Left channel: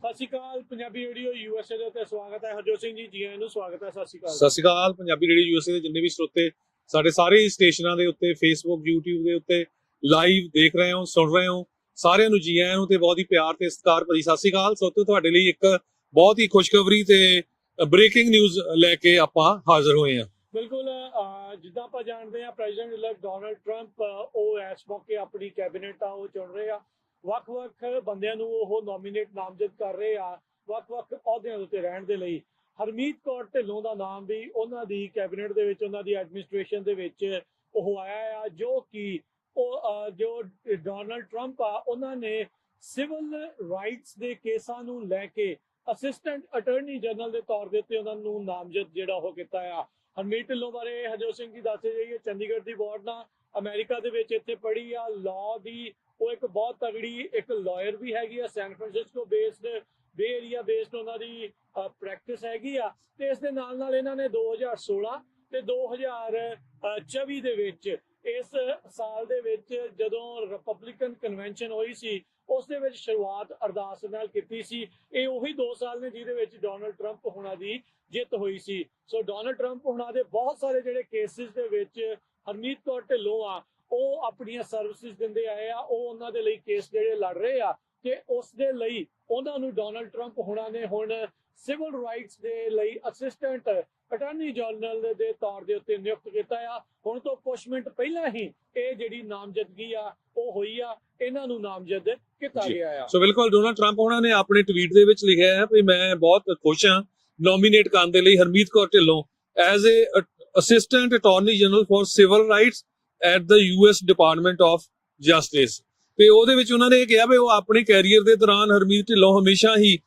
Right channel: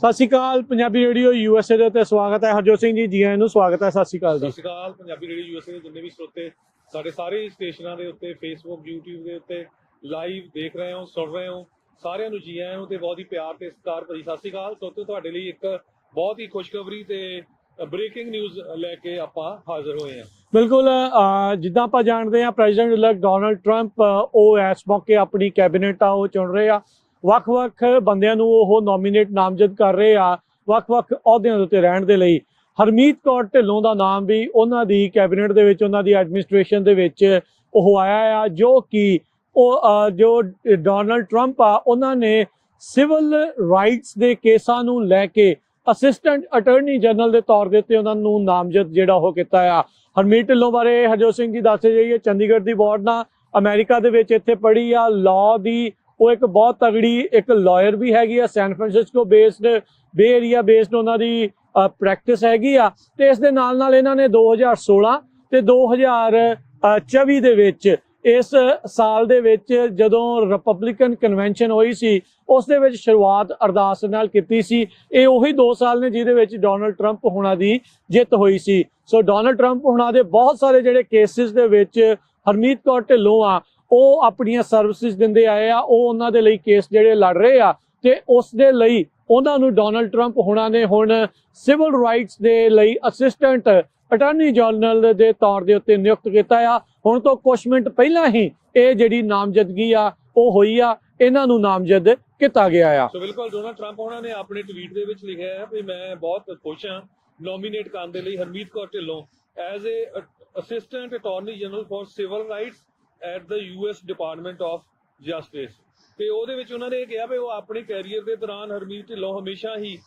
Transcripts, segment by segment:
ਸਤਿ ਸ਼੍ਰੀ ਅਕਾਲ Punjabi radio USA ਦੇ ਉੱਤੇ ਸਵਾਗਤ ਹੈ। ਹਰਜੋਤ ਸਿੰਘ ਜੀ ਆਇਆਂ ਨੂੰ ਸਵਾਗਤ ਹੈ। ਸਤਿ ਸ਼੍ਰੀ ਅਕਾਲ। ਸਤਿ ਸ਼੍ਰੀ ਅਕਾਲ ਪੰਜਾਬੀ ਰੇਡੀਓ USA ਦੇ ਜਿੰਨੇ ਵੀ ਸਰੋਤੇ ਸਾਡੇ ਸਾਰੇ ਸਟੇਸ਼ਨਾਂ ਦੇ ਉੱਤੇ ਫੇਸਬੁੱਕ YouTube ਦੇ ਉੱਤੇ ਲਾਈਵ ਦੇਖ ਰਹੇ ਹੋ ਸੁਣ ਰਹੇ ਹੋ, ਸਾਰਿਆਂ ਨੂੰ ਜੀ ਆਇਆਂ ਨੂੰ ਤੇ ਬਹੁਤ ਹੀ ਪਿਆਰ ਤੇ ਸਤਿਕਾਰ ਭਰੀ ਸਤਿ ਸ਼੍ਰੀ ਅਕਾਲ। ਸਰੋਤੋ ਤੁਹਾਡੇ ਲਈ ਇੱਕ ਬਹੁਤ ਹੀ ਖੁਸ਼ਖਬਰੀ ਤੇ ਬ੍ਰੇਕਿੰਗ ਨਿਊਜ਼ ਲੈ ਕੇ ਆਪਾਂ ਹਾਜ਼ਰ ਹੋਏ ਹਾਂ। ਬਿਲਕੁਲ, ਜਿੱਦਾਂ ਆਪਾਂ ਜਾਣਦੇ ਹਾਂ ਪ੍ਰੈਜ਼ੀਡੈਂਟ ਇਲੈਕਟ ਡੋਨਲਡ ਟਰੰਪ ਉਹ ਇਸ ਮੌਕੇ ਆਪਣੀ ਕੈਬਨਿਟ ਆ ਉਹ ਚੁਣ ਰਹੇ ਆ। ਵੱਖ-ਵੱਖ ਬੰਦਿਆਂ ਨੂੰ ਉਹ ਨੋਮੀਨੇਟ ਨਾਮਜ਼ਦ ਕਰ ਰਹੇ ਆ ਵੱਖ-ਵੱਖ ਅਹੁਦਿਆਂ ਦੇ ਉੱਤੇ ਰਹਿਣ ਦੇ ਲਈ। ਹਰਮੀਤ ਕੌਰ ਢਿੱਲੋਂ ਦਾ ਨਾਮ ਵੀ ਉਹਨਾਂ ਦੀ ਕੈਬਨਿਟ ਦੇ ਵਿੱਚ, ਉਹਨਾਂ ਦੀ ਐਡਮਿਨਿਸਟ੍ਰੇਸ਼ਨ ਦੇ ਵਿੱਚ ਉਹ ਆਇਆ ਆ, ਜੋ ਕਿ ਜੋ ਡੋਨਲਡ ਟਰੰਪ ਆ ਉਹਨਾਂ ਨੇ ਸਿਵਲ ਰਾਈਟਸ ਦੇ ਕੇਸਾਂ ਨੂੰ ਲੈ ਕੇ ਅਸਿਸਟੈਂਟ ਅਟਾਰਨੀ ਜਨਰਲ ਦੇ ਤੌਰ ਦੇ ਉੱਤੇ ਉਹਨਾਂ ਨੂੰ ਨਾਮਜ਼ਦ ਜਿਹੜਾ ਉਹ ਕੀਤਾ ਆ। ਹਰਮੀਤ ਢਿੱਲੋਂ ਬਾਰੇ ਹਰਜੋਤ ਸਿੰਘ ਜੀ ਦੱਸਦੇ ਜਾਈਏ, ਚੰਡੀਗੜ੍ਹ ਦੀ ਬੋਰਡ ਨਾਲ ਅਮਰੀਕਾ ਦੇ ਵਿੱਚ ਇੱਥੇ ਪੜ੍ਹੀ ਆ, ਲਾਅ ਦੀ ਉਹ ਇੱਕ ਬਹੁਤ ਤਗੜੀ ਇੱਕ ਲਾਇਰ ਵੀ ਹੈਗੀ ਆ। ਸੈਨ ਫਰਾਂਸਿਸਕੋ ਬੇਸਡ, ਬੇ ਏਰੀਆ ਬੇਸਡ ਉਹਨਾਂ ਦੀ ਪ੍ਰੈਕਟਿਸ ਹੈਗੀ ਆ। ਤੇ ਇਸ ਦੇ ਨਾਲ ਨਾਲ ਇਹਨਾਂ ਨੇ 2016 ਤੇ 2024 ਦੇ ਵਿੱਚ, ਇਸ ਸਾਲ ਦੇ ਵਿੱਚ ਜਦੋਂ ਰਿਪਬਲਿਕਨ ਕਨਵੈਨਸ਼ਨ ਹੋਈ ਸੀ ਉਸ ਦੇ ਵਿੱਚ ਸ਼ੁਰੂਆਤ ਅਰਦਾਸ ਨਾਲ ਕੀਤੀ ਸੀ। ਇਹ ਉਹੀ 2 ਸਾਲ ਨੇ ਜਿਹਦੇ ਵਿੱਚ ਡੋਨਲਡ ਟਰੰਪ ਹੁਣਾਂ ਦੀ ਜਿੱਤ ਹੋਈ ਸੀ। ਸੋ ਡੋਨਲਡ ਟਰੰਪ ਹੁਣਾਂ ਦੇ ਬਹੁਤ ਸਾਰੇ ਜਿਹੜੇ ਕੇਸਿਸ ਦੇ ਵਿੱਚ ਹਰਮੀਤ ਕੌਰ ਢਿੱਲੋਂ ਆ ਉਹ ਆਪਣੀਆਂ ਸਰਵਿਸਿਜ਼ ਦਿੰਦੇ ਆਏ ਆ, ਉਹ ਉਹਨਾਂ ਦੇ ਲਈ ਕੇਸ ਜਿਹੜੇ ਲੜ ਰਹੇ ਆ ਤੇ ਉਸ ਦੇ ਲਈ ਉਹਨਾਂ ਨੂੰ ਡੋਨਲਡ ਟਰੰਪ ਹੁਣਾਂ ਨੇ ਹੁਣ ਸਿਵਲ ਰਾਈਟਸ ਦੇ ਲਈ ਅਸਿਸਟੈਂਟ ਅਟਾਰਨੀ ਜਨਰਲ ਦੇ ਤੌਰ ਦੇ ਉੱਤੇ ਨਿਯੁਕਤ ਕੀਤਾ ਆ। ਹੁਣ ਤੋਂ ਕੁਝ ਮਿੰਟ ਪਹਿਲਾਂ ਹੀ ਇਹ ਜਿਹੜੀ ਨਾਮਜ਼ਦਗੀ ਆ ਉਹ ਹੋਈ ਆ, ਇਹਨਾਂ ਨੂੰ ਨਾਮਜ਼ਦ ਕੀਤਾ ਗਿਆ ਆ। ਸੋ ਬਿਲਕੁਲ ਡੋਨਲਡ ਟਰੰਪ ਉਹਨਾਂ ਨੇ ਆਪਣੇ ਟਵੀਟ ਦੇ ਵਿੱਚ ਲਿਖਿਆ ਹੈ ਵੀ ਮੈਂ ਬਹੁਤ ਖੁਸ਼ ਹਾਂ ਨੋਮੀਨੇਟ ਕਰਨ ਦੇ ਲਈ Harmeet Kaur Dhillon as a assistant attorney general for civil rights at the US department of justice. ਤੇ ਉਹਦੇ ਵਿੱਚ ਉਹਨਾਂ ਨੇ ਇਹ ਕਿਹਾ ਵੀ ਉਹ ਆਪਣੇ ਕੈਰੀਅਰ ਦੇ ਦੌਰਾਨ ਹਰਮੀਤ ਢਿੱਲੋਂ ਹਮੇਸ਼ਾ ਹੀ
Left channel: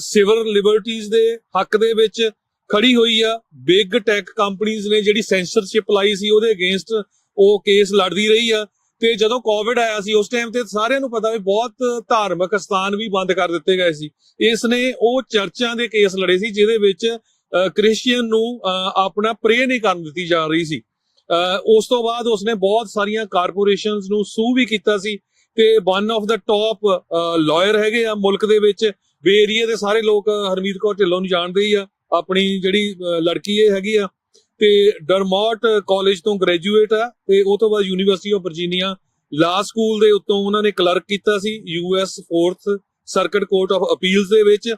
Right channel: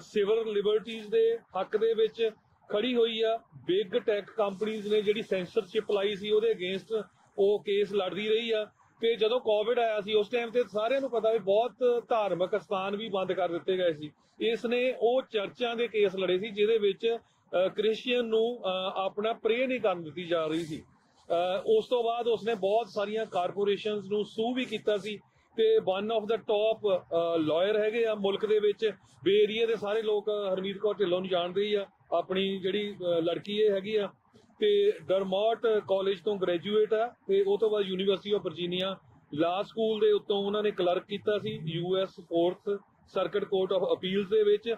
ਸਿਵਲ ਲਿਬਰਟੀਜ਼ ਦੇ ਹੱਕ ਦੇ ਵਿੱਚ ਖੜੀ ਹੋਈ ਆ। ਬਿਗ ਟੈਕ ਕੰਪਨੀਆਂ ਨੇ ਜਿਹੜੀ ਸੈਂਸਰਸ਼ਿਪ ਲਾਈ ਸੀ ਉਹਦੇ ਅਗੇਂਸਟ ਉਹ ਕੇਸ ਲੜਦੀ ਰਹੀ ਆ। ਤੇ ਜਦੋਂ ਕੋਵਿਡ ਆਇਆ ਸੀ ਉਸ ਟਾਈਮ ਤੇ ਸਾਰਿਆਂ ਨੂੰ ਪਤਾ ਵੀ ਬਹੁਤ ਧਾਰਮਿਕ ਸਥਾਨ ਵੀ ਬੰਦ ਕਰ ਦਿੱਤੇ ਗਏ ਸੀ। ਇਸ ਨੇ ਉਹ ਚਰਚਾਂ ਦੇ ਕੇਸ ਲੜੇ ਸੀ ਜਿਹਦੇ ਵਿੱਚ ਕ੍ਰਿਸਚੀਅਨ ਨੂੰ ਆਪਣਾ ਪ੍ਰੇ ਨਹੀਂ ਕਰਨ ਦਿੱਤੀ ਜਾ ਰਹੀ ਸੀ। ਉਸ ਤੋਂ ਬਾਅਦ ਉਸਨੇ ਬਹੁਤ ਸਾਰੀਆਂ ਕਾਰਪੋਰੇਸ਼ਨਸ ਨੂੰ ਸੂ ਵੀ ਕੀਤਾ ਸੀ ਤੇ one of the top lawyer ਹੈਗੇ ਆ ਮੁਲਕ ਦੇ ਵਿੱਚ। ਬੇ ਏਰੀਆ ਦੇ ਸਾਰੇ ਲੋਕ ਹਰਮੀਤ ਕੌਰ ਢਿੱਲੋਂ ਨੂੰ ਜਾਣਦੇ ਹੀ ਆ। ਆਪਣੀ ਜਿਹੜੀ ਲੜਕੀ ਇਹ ਹੈਗੀ ਆ ਤੇ ਡਰਮੌਟ ਕਾਲਜ ਤੋਂ ਗ੍ਰੈਜੂਏਟ ਆ ਤੇ ਉਹ ਤੋਂ ਬਾਅਦ university of Virginia law school ਦੇ ਉੱਤੋਂ ਉਹਨਾਂ ਨੇ ਕਲਰਕ ਕੀਤਾ ਸੀ US 4th circuit court of appeals ਦੇ ਵਿੱਚ।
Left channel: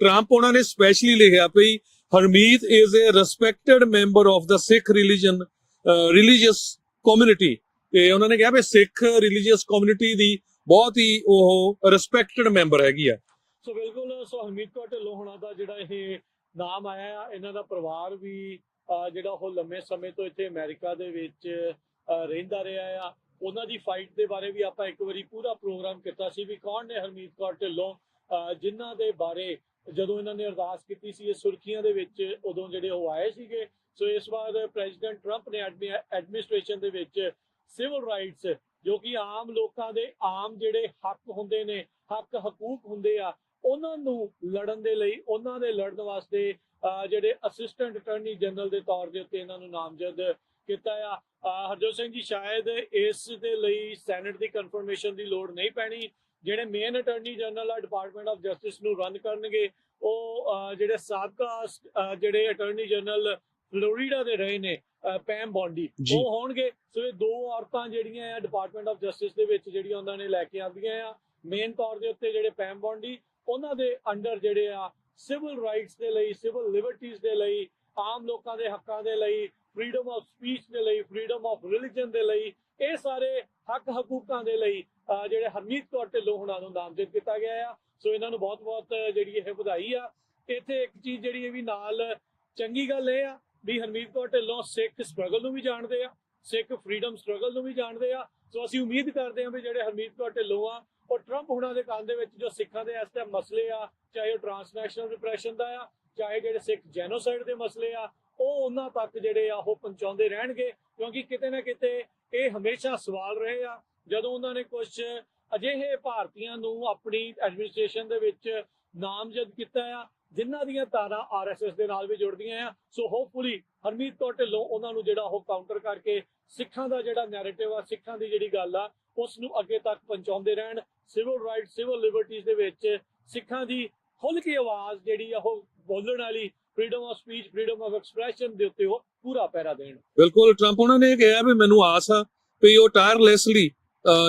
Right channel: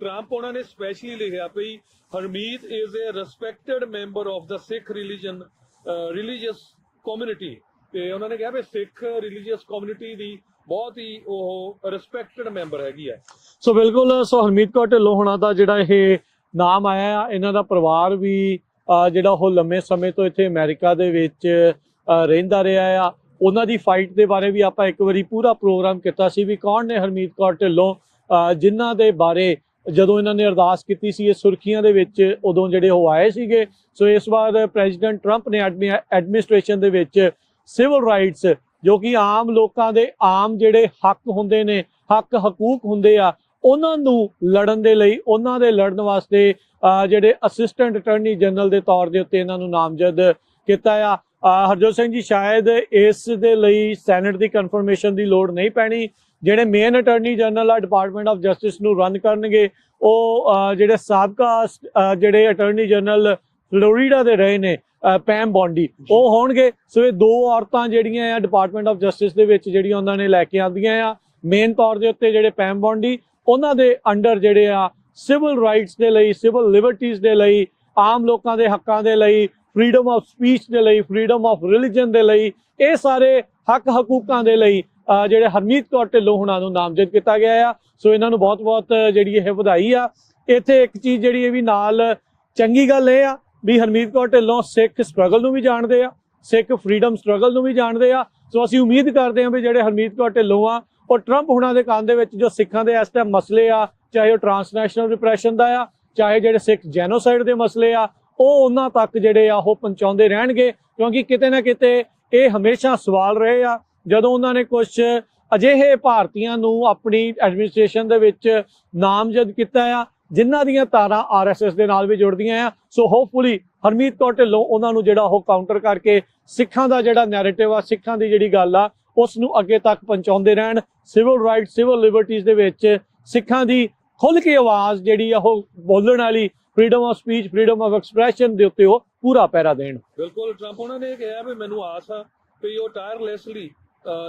ਟਰੰਪ ਉਹਨਾਂ ਨੇ ਸਪੈਸ਼ਲੀ ਲਿਖਿਆ ਵੀ Harmeet is a respected member of the Sikh religious community. ਤੇ ਉਹਨਾਂ ਨੇ ਕਿਹਾ ਵੀ ਸਿੱਖ ਰਿਲੀਜੀਅਸ ਕਮਿਊਨਿਟੀ ਦੀ ਬਹੁਤ ਹੀ ਉਹ ਰਿਸਪੈਕਟਡ ਮੈਂਬਰ ਹੈਗੀ ਆ। ਸੋ ਬਿਲਕੁਲ, ਸੋ ਹਰਮੀਤ ਕੌਰ ਢਿੱਲੋਂ ਹੋਣਾ ਦਾ ਜਿਹੜਾ ਇਹ ਨਾਮ ਆਇਆ ਆ, ਇਹਨਾਂ ਦਾ ਪਰਿਵਾਰ ਵੀ ਜਿਹੜਾ ਉਹ ਲੰਮੇ ਸਮੇਂ ਤੋਂ ਇੱਥੇ ਅਮਰੀਕਾ ਦੇ ਵਿੱਚ ਰਹਿੰਦਾ ਰਿਹਾ ਆ। ਉਹਨਾਂ ਦੀ ਫਾਈਟ ਦੇ ਬਾਰੇ ਵੀ ਆਪਾਂ ਇੱਕ ਵਾਰੀ ਪੂਰਾ ਪ੍ਰੋਗਰਾਮ ਕੀਤਾ ਸੀ ਵੀ ਕੌਣ ਨੇ ਹਰਮੀਤ ਕੌਰ ਢਿੱਲੋਂ, ਜਿਨ੍ਹਾਂ ਦੇ ਬਾਰੇ ਜਦੋਂ ਇਹਨਾਂ ਨੇ ਅਰਦਾਸ ਕੀਤੀ ਸੀ ਇਹ ਸੁਰਖੀਆਂ ਦੇ ਵਿੱਚ ਉਦੋਂ ਜਿਹੜੇ ਉਹ ਆਏ ਸੀਗੇ। ਸੋ ਇਸ ਵਾਰ ਪ੍ਰੈਜ਼ੀਡੈਂਟ ਟਰੰਪ ਨੇ ਐਡਮਿਨਿਸਟ੍ਰੇਸ਼ਨ ਦੇ ਵਿੱਚ ਸਿਵਲ ਰਾਈਟਸ, ਜੋ ਕਿ ਆਮ ਲੋਕਾਂ ਦੇ ਆਮ ਜਿਹੜੇ ਹੱਕ ਹੁੰਦੇ ਨੇ, ਹੱਕ ਹਕੂਕ ਹੁੰਦੇ ਆ, ਉਹਨਾਂ ਨੂੰ ਲੜਨ ਦੇ ਲਈ, ਉਹਨਾਂ ਦੇ ਲੜਨ ਵਾਸਤੇ ਜਿਹੜੇ ਅਸਿਸਟੈਂਟ ਅਟਾਰਨੀ ਜਨਰਲ ਦੇ ਤੌਰ ਦੇ ਉੱਤੇ ਇਹਨਾਂ ਨੂੰ ਨਾਮਜ਼ਦ ਕੀਤਾ ਆ। ਹਰਜੋਤ ਸਿੰਘ ਜੀ, ਸ਼ਾਇਦ ਇਸ ਦੇ ਲਈ ਸੈਨੇਟ ਦੀ ਕਨਫਰਮੇਸ਼ਨ ਦੀ ਲੋੜ ਨਹੀਂ ਪੈਣੀ। ਜਿਹੜੇ ਮੇਨ ਅਟਾਰਨੀ ਜਨਰਲ ਆ ਡਿਪਾਰਟਮੈਂਟ ਆਫ ਜਸਟਿਸ ਨੂੰ ਰਨ ਕਰਨਗੇ ਉਹ ਜਿਹੜੇ ਸਾਬਕਾ ਜਿਹੜੇ ਅਟਾਰਨੀ ਜਨਰਲ ਫਲੋਰੀਡਾ ਦੇ ਰਹੇ ਨੇ ਪੈਮ ਬੌਂਡੀ, ਉਹ ਹੋਣਗੇ। ਸੋ ਇਹ 2 ਔਰਤਾਂ ਜਿਹੜੀਆਂ ਆ ਡਿਪਾਰਟਮੈਂਟ ਆਫ ਜਸਟਿਸ ਦੇ ਵਿੱਚ ਜਿਹੜੀਆਂ ਉਹਨਾਂ ਨੇ ਲੈ ਕੇ ਆਉਂਦੀਆਂ ਆ ਮੇਨ ਤੌਰ ਦੇ ਉੱਤੇ, ਜਿਹੜੇ ਪੈਮ ਬੌਂਡੀ ਉਹਨਾਂ ਦੇ ਅੰਡਰ ਜਿਹੜੇ ਆ ਸਿਵਲ ਰਾਈਟਸ ਦੇ ਲਈ, ਸਿਵਲ ਲਿਬਰਟੀਜ਼ ਦੇ ਲਈ, ਆਮ ਲੋਕਾਂ ਦੇ ਹੱਕਾਂ ਦੇ ਲਈ, ਫਰੀडम ਆਫ ਸਪੀਚ ਦੇ ਲਈ, ਫਰੀडम ਆਫ ਰਿਲੀਜਨ ਦੇ ਲਈ, ਇਹ ਸਾਰੇ ਹੱਕ ਹਕੂਕਾਂ ਦੇ ਲਈ ਜਿਹੜੇ ਹਰਮੀਤ ਕੌਰ ਢਿੱਲੋਂ ਹੁਣਾਂ ਨੂੰ ਨਾਮਜ਼ਦ ਕੀਤਾ ਗਿਆ ਆ। ਸੋ ਇਹਨਾਂ ਨੂੰ ਬਹੁਤ-ਬਹੁਤ ਜਿਹੜੀ ਇਹ ਵਧਾਈ ਆ। ਇੱਥੇ ਇੱਕ ਚੀਜ਼ ਜਿਹੜੀ ਇਹ ਵੀ ਨਾਲ ਚੰਗੀ ਗੱਲ ਇਹ ਆ ਵੀ ਹਰਮੀਤ ਕੌਰ ਢਿੱਲੋਂ ਸਿੱਖ ਸਟਰਗਲ ਨੂੰ ਵੀ ਜਾਣਦੇ ਆ, ਸਿੱਖ ਫਰੀडम ਸਟਰਗਲ ਨੂੰ ਵੀ ਜਾਣਦੇ ਆ। ਸੋ ਅਸੀਂ ਉਮੀਦ ਕਰਦੇ ਹਾਂ ਵੀ ਜਿਹੜੇ ਹਰਮੀਤ ਕੌਰ ਢਿੱਲੋਂ ਆ ਉਹ ਟਰੰਪ ਹੁਣਾਂ ਦੇ ਕੰਨ ਦੇ ਵਿੱਚ ਜੋ ਸਿੱਖਾਂ ਦੇ ਇਸ ਟਾਈਮ ਮਸਲੇ ਆ, ਚਾਹੇ ਉਹ ਟਰਾਂਸਨੈਸ਼ਨਲ ਰਿਪਰੈਸ਼ਨ ਦਾ ਆ, ਚਾਹੇ ਜਿਹੜੇ ਸਿੱਖ ਜੈਨੋਸਾਈਡ ਦੇ ਮਸਲੇ ਆ, ਉਹ ਉਹਨਾਂ ਤੱਕ ਜਿਹੜੇ ਆ ਉਹ ਪਹੁੰਚਾਉਂਦੇ ਰਹਿਣਗੇ। ਕਿਉਂਕਿ ਕਿਤੇ ਨਾ ਕਿਤੇ ਇਹ ਹਮੇਸ਼ਾ ਸਵਾਲ ਰਹੇ ਆ ਜਦੋਂ ਉਹਨਾਂ ਨੇ ਕੁਝ ਅਜਿਹੇ ਭਾਰਤੀਆਂ ਨੂੰ ਆਪਣੀ ਐਡਮਿਨਿਸਟ੍ਰੇਸ਼ਨ ਦੇ ਵਿੱਚ ਨਾਮਜ਼ਦ ਕੀਤਾ ਆ ਜਿਨ੍ਹਾਂ ਦੀਆਂ ਤਾਰਾਂ RSS ਦੇ ਨਾਲ ਵੀ ਜੁੜਦੀਆਂ ਆ। ਸੋ ਹੋਪਫੁਲੀ ਹਰਮੀਤ ਕੌਰ ਢਿੱਲੋਂ ਉਹਨਾਂ ਨੂੰ ਜਿਹੜਾ ਉਹ ਕਾਊਂਟਰ ਕਰਕੇ ਸਿੱਖਾਂ ਦਾ ਜਿਹੜਾ ਨੈਰੇਟਿਵ ਆ, ਸਿੱਖਾਂ ਦੀ ਜਿਹੜੀ ਗੱਲ ਆ, ਉਸ ਨੂੰ ਅੱਗੇ ਤੱਕ ਪਹੁੰਚਾਉਂਦੇ ਰਹਿਣ। ਸਿਵਲ ਰਾਈਟ, ਸਿਵਲ ਲਿਬਰਟੀਜ਼ ਦੇ ਵਿੱਚ ਸਿੱਖਾਂ ਦੀ ਖੁੱਲ੍ਹ ਕੇ ਆਵਾਜ਼ ਜਿਹੜੀ ਆ ਉਹ ਬੋਲਣ ਵਾਲੀ freedom of speech, freedom of expression ਦੇ ਉੱਤੇ ਉਹ ਪੂਰਾ ਪਹਿਰਾ ਦੇਣ। ਬਿਲਕੁਲ, ਟਰੰਪ ਉਹਨਾਂ ਨੇ ਕਿਹਾ ਵੀ ਮੈਨੂੰ ਆਸ ਆ ਵੀ ਉਹ ਟਾਇਰਲੈਸਲੀ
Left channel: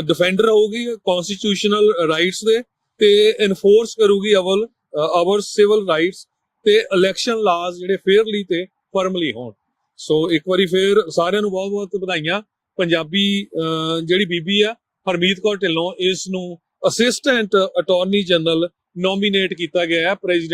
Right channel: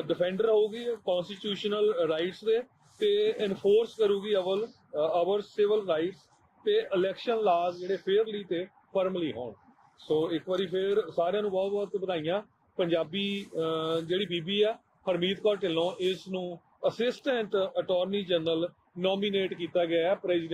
ਡਿਫੈਂਡਰ ਹੋਊਗੀ ਕਨਸਟੀਟਿਊਸ਼ਨਲ ਰਾਈਟਸ ਦੇ ਤੇ ਇਨਫੋਰਸ ਕਰੂਗੀ ਆਵਰ ਸਿਵਲ ਰਾਈਟਸ ਤੇ ਇਲੈਕਸ਼ਨ ਲਾਜ਼ ਜਿਹੜੇ ਫੇਅਰਲੀ ਤੇ ਫਰਮਲੀ ਹੋਣ। ਸੋ ਇੱਕ ਵਾਰੀ ਫੇਰ ਸਾਰਿਆਂ ਨੂੰ ਬਹੁਤ ਬਹੁਤ ਵਧਾਈਆਂ। ਪੰਜਾਬੀ ਜਿਹੜੀ ਬੀਬੀ ਆ ਹਰਮੀਤ ਕੌਰ ਢਿੱਲੋਂ, ਇਸ ਨੂੰ ਅਸਿਸਟੈਂਟ ਅਟਾਰਨੀ ਜਨਰਲ ਨੋਮੀਨੇਟ ਕੀਤਾ ਗਿਆ ਹੈ ਪ੍ਰੈਜ਼ੀਡੈਂਟ